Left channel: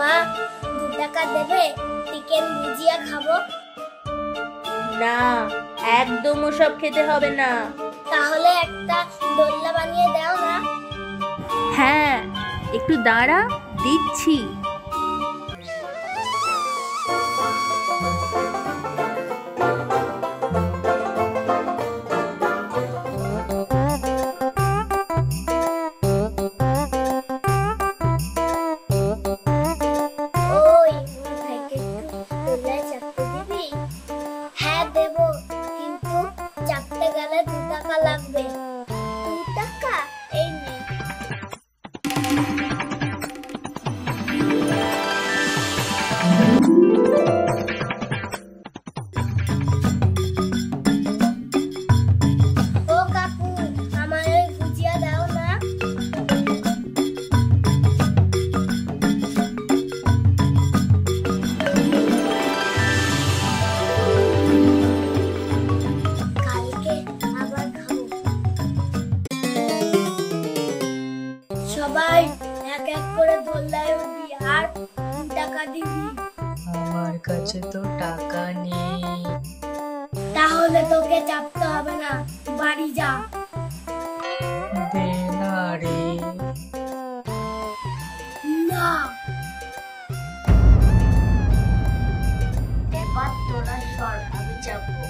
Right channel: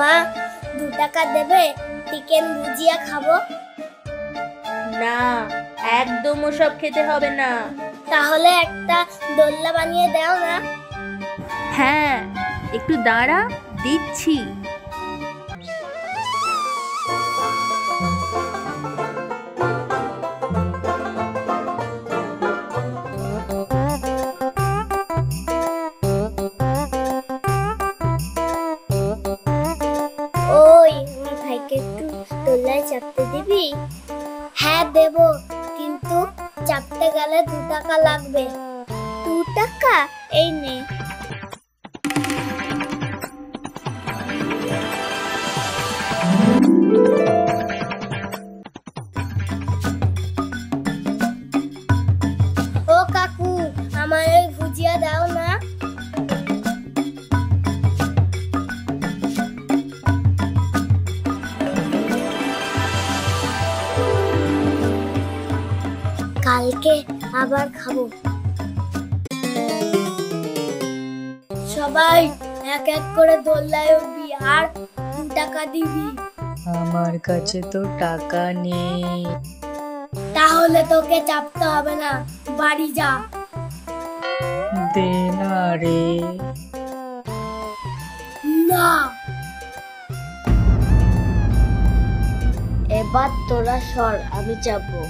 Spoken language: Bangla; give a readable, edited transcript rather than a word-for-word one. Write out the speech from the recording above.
মা 2 টাকা দেবে? চিকেন ভুজিয়া খাবো। না, একদম ওসব খেতে হবে না। তাহলে একটা দোলনা বানিয়ে দাও না। হ্যাঁ, একটু দাঁড়া, দিচ্ছি। ওই ভাইকে একটু দোলনায় চাপতে দিবি? হ্যাঁ দেব, কিন্তু চাপতে গেলে 2 টাকা লাগবে। 2 টাকা? এই নে। ও কাকু, আমার ওই ভুজিয়া দাও না। কালকে আবার খাবো। সবাই এক এক করে দোলনায় উঠবি আর 2 টাকা দিবি। আমার কাছে তো টাকা নেই। তাহলে তোকে চাপতে হবে না, বাড়ি যা। দে না রে। না, এবার তোরা সর, আমি চাপবো।